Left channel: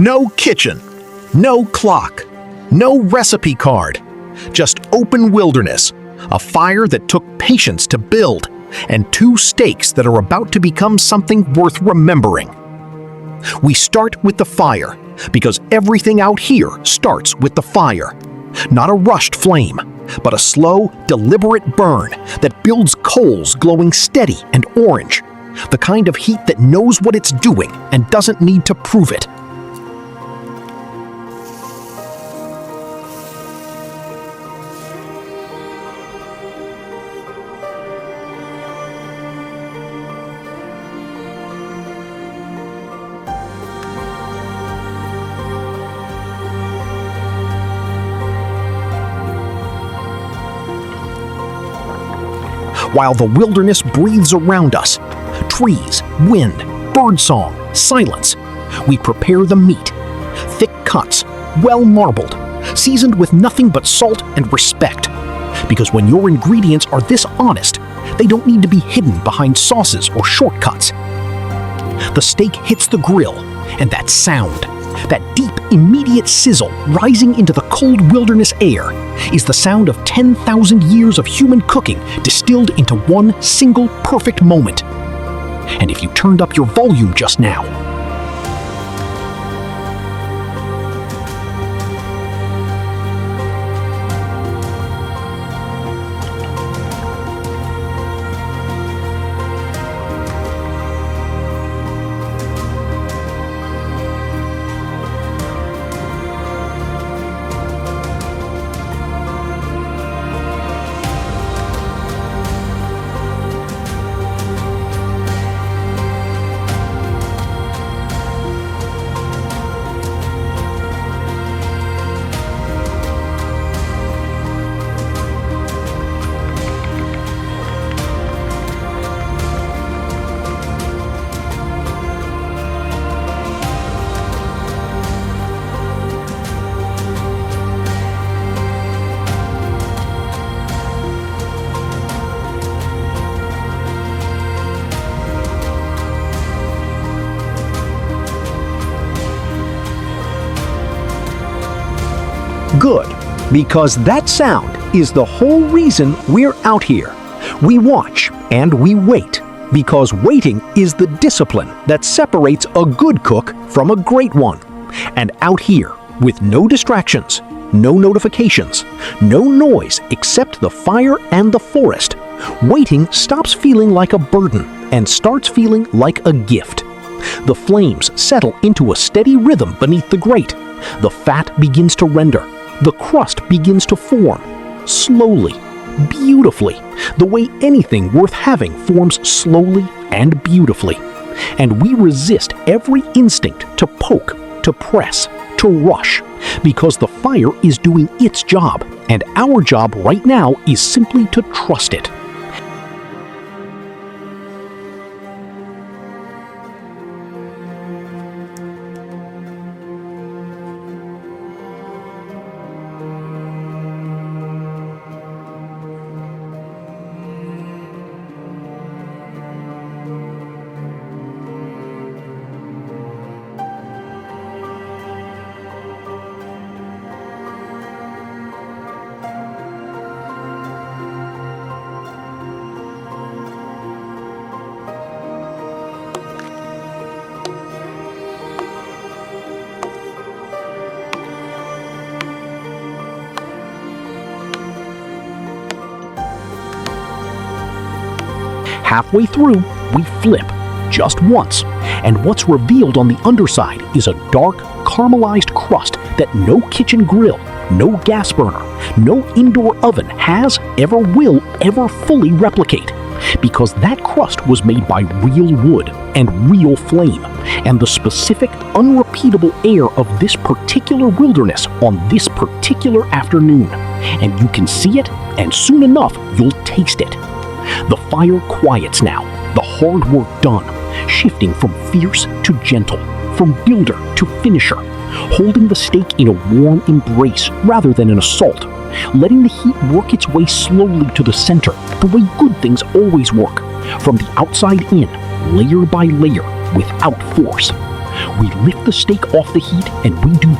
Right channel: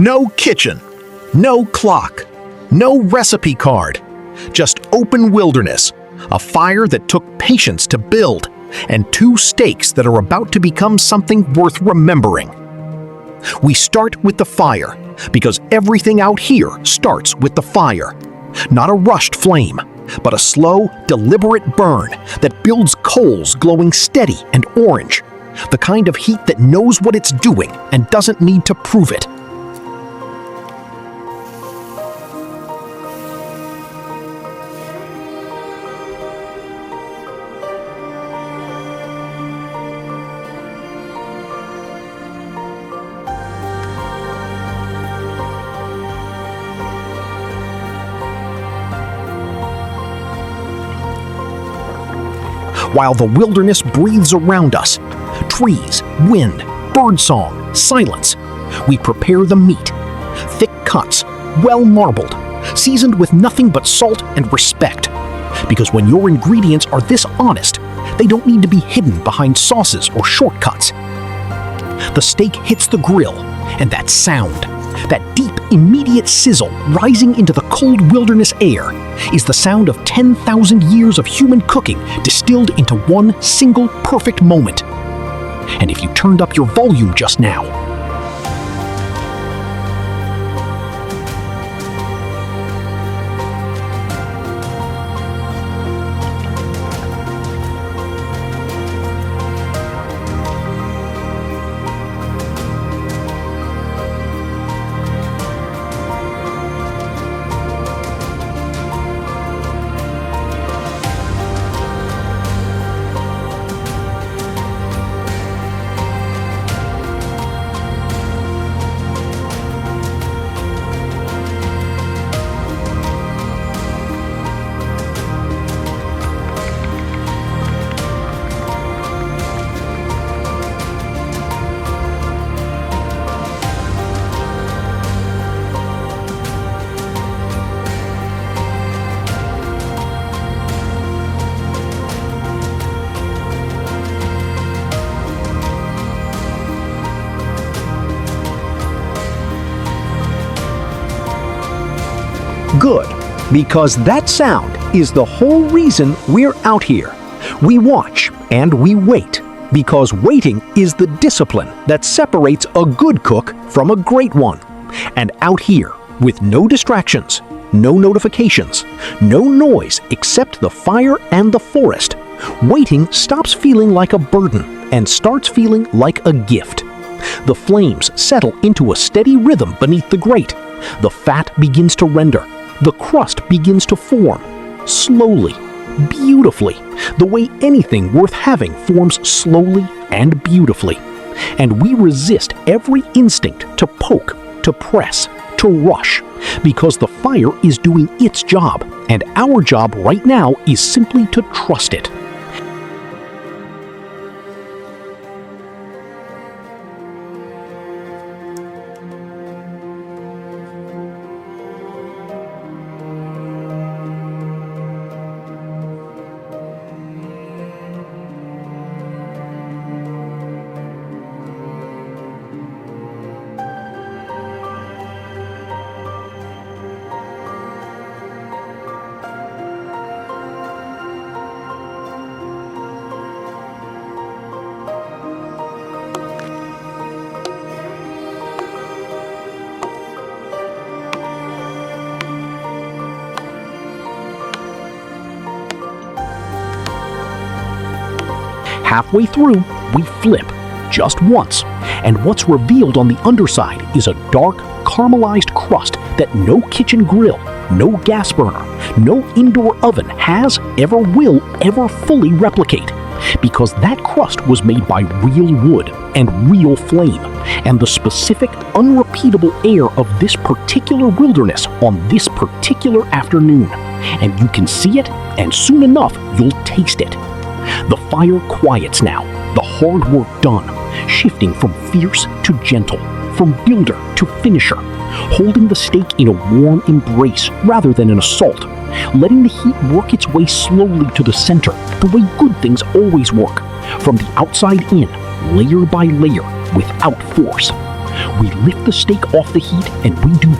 No kitchen, no clock, no recipe card, just open wilderness, a fire that took patience to build, and two steaks that are about to become something worth remembering. We start with the fire, because everything out here starts with the fire. Not a rushed flame, but a slow, deliberate burn that builds coals glowing steady and orange, the kind of heat that knows what it's doing and doesn't need to prove it. While the wilderness breathes around us, trees, wind, birdsong, silence, we prepare the meat. Thick cuts, well marbled, seasoned with nothing but salt and respect. Because when your ingredients are this honest, they don't need to be hidden behind sauces or shortcuts. The steak hits the grill, and that sound, that deep, immediate sizzle rising into the cold wilderness air, is the sound of 10,000 years of human cooking distilled into one single perfect moment. And if you turned up your volume just now, good, because that sound is the whole reason we're out here. We watch and we wait, because waiting is the discipline that separates a good cook from a great one. And out here, with no distractions, no notifications, no noise except the fire and the forest, waiting stops feeling like a burden and starts feeling like a gift. The flames settle into a steady rhythm beneath the grate. The fat begins to render. The crust begins to form, slowly, beautifully, the way anything worth having forms slowly and beautifully. And we resist every instinct to poke, to press, to rush, because the fire is doing its job, and our job right now is simply to trust it. Halfway through, we flip, just once, and what's revealed on the underside is a dark, caramelized crust that no kitchen grill, no gas burner, no indoor oven has, ever will, ever fully replicate. Because that crust was made by real wood and real flame, and the specific, unrepeatable air of this particular wilderness on this particular afternoon. And you can see it, and soon enough, you'll taste it. The fire quiets now, the hard work done, shifting from fierce to gentle, from builder to finisher, holding the steak in a warm embrace rather than an assault, letting the heat work its way slowly to the center, the way good things always work, from the outside in, layer by layer, without force. We lift the steak off the heat and we do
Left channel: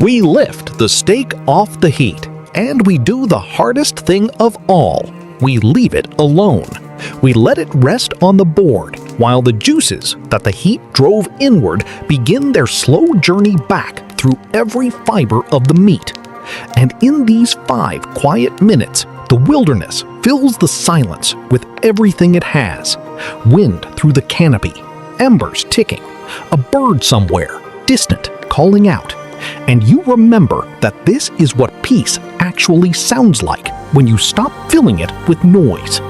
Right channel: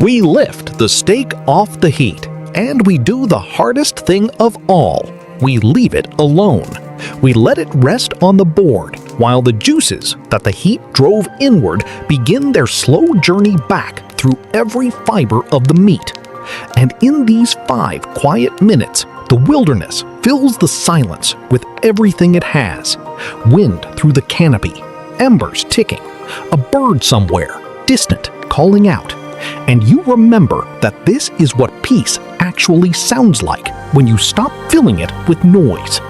We lift the steak off the heat, and we do the hardest thing of all. We leave it alone. We let it rest on the board while the juices that the heat drove inward begin their slow journey back through every fiber of the meat. And in these 5 quiet minutes, the wilderness fills the silence with everything it has. Wind through the canopy, embers ticking, a bird somewhere, distant, calling out. And you remember that this is what peace actually sounds like when you stop filling it with noise.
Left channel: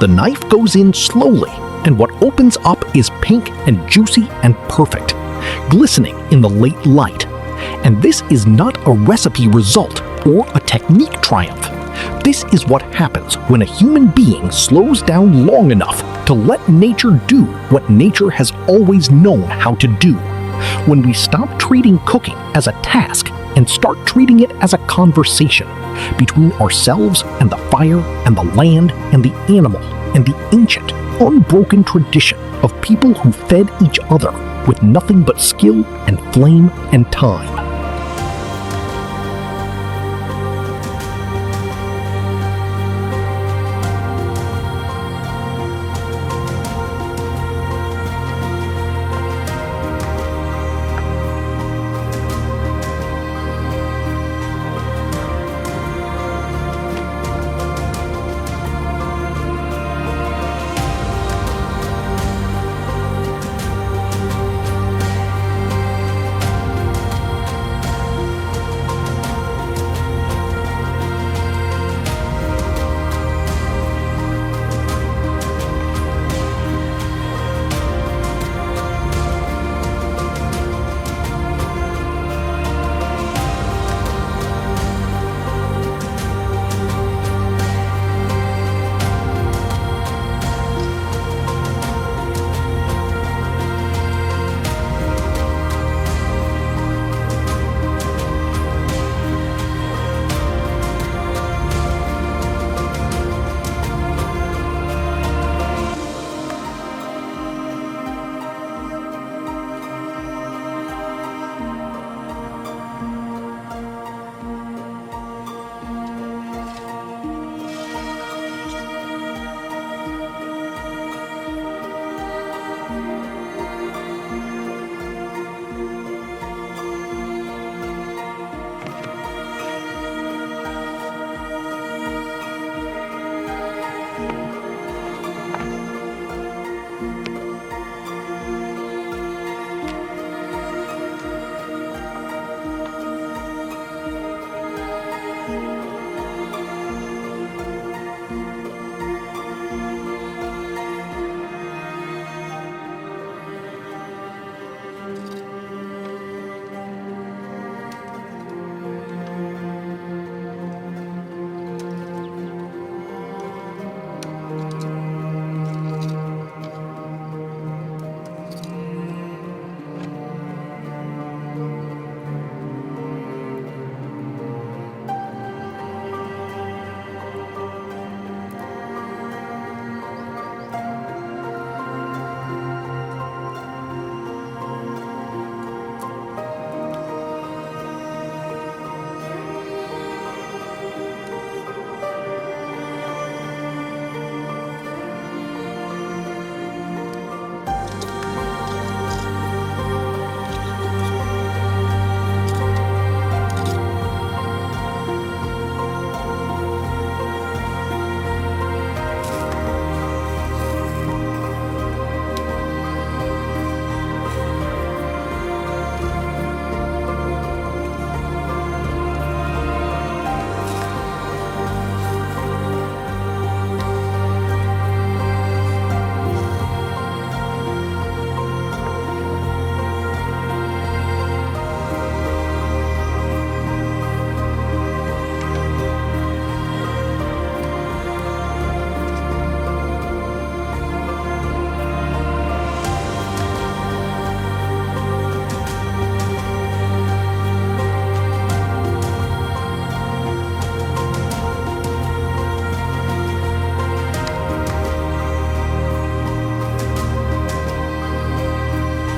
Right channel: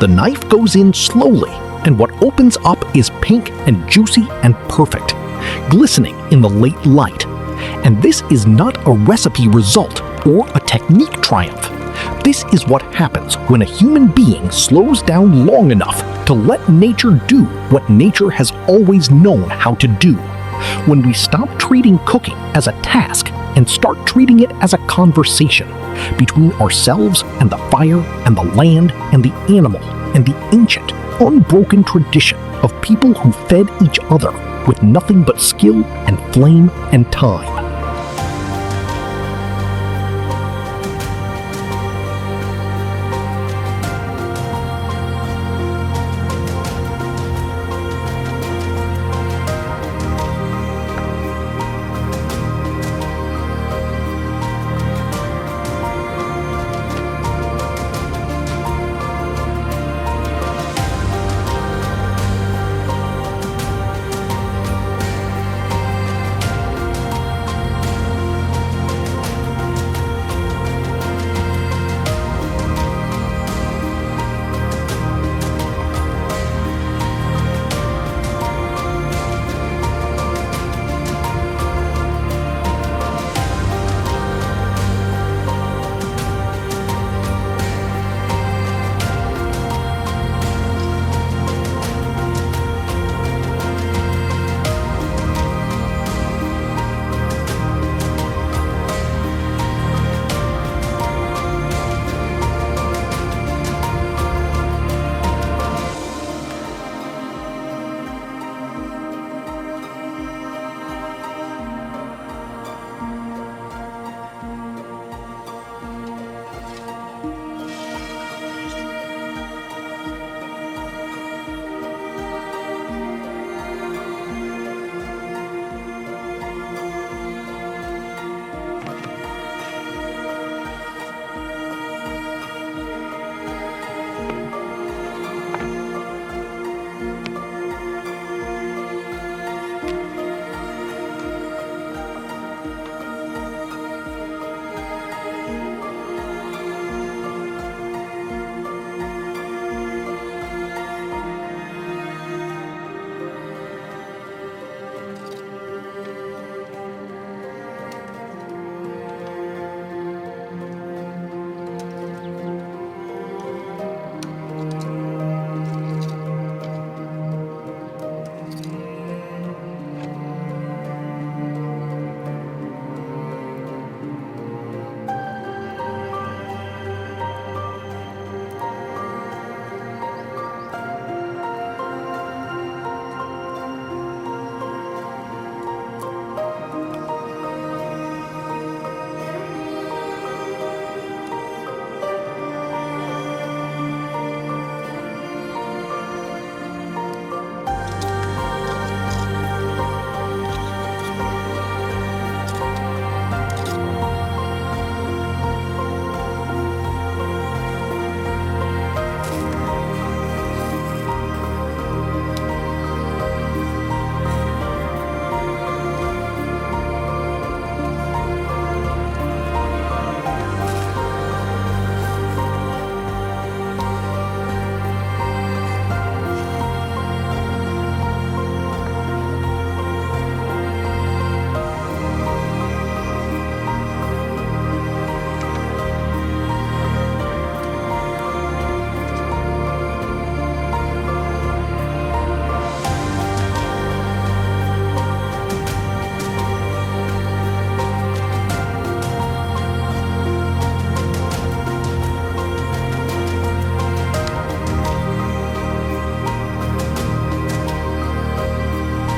The knife goes in slowly, and what opens up is pink and juicy and perfect, glistening in the late light. And this is not a recipe result or a technique triumph. This is what happens when a human being slows down long enough to let nature do what nature has always known how to do. When we stop treating cooking as a task and start treating it as a conversation between ourselves and the fire and the land and the animal and the ancient, unbroken tradition of people who fed each other with nothing but skill and flame and time.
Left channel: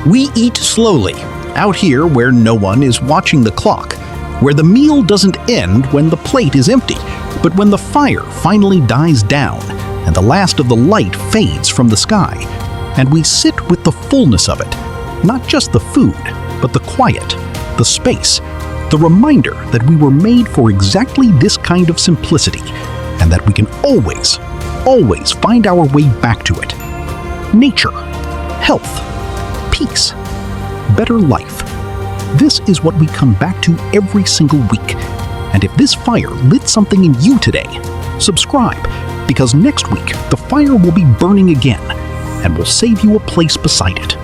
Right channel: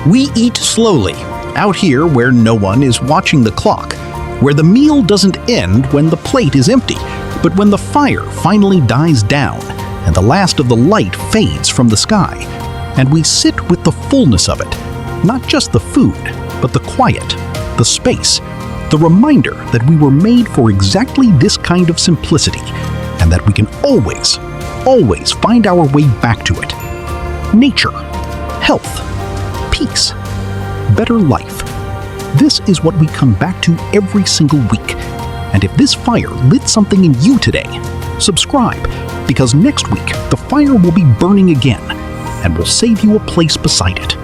We eat slowly, out here where no one is watching the clock, where the meal doesn't end when the plate is empty, but when the fire finally dies down and the last of the light fades from the sky, and we sit with the fullness of it, not just the food, but the quiet, the space, the reminder that we were made for exactly this kind of simplicity, and that we can always find our way back to it. Nature, health, peace, better life. This is what we come back to every single week. And if this fire lit something in you today, subscribe, because next week the fire will be burning again, and we'll save you a place beside it.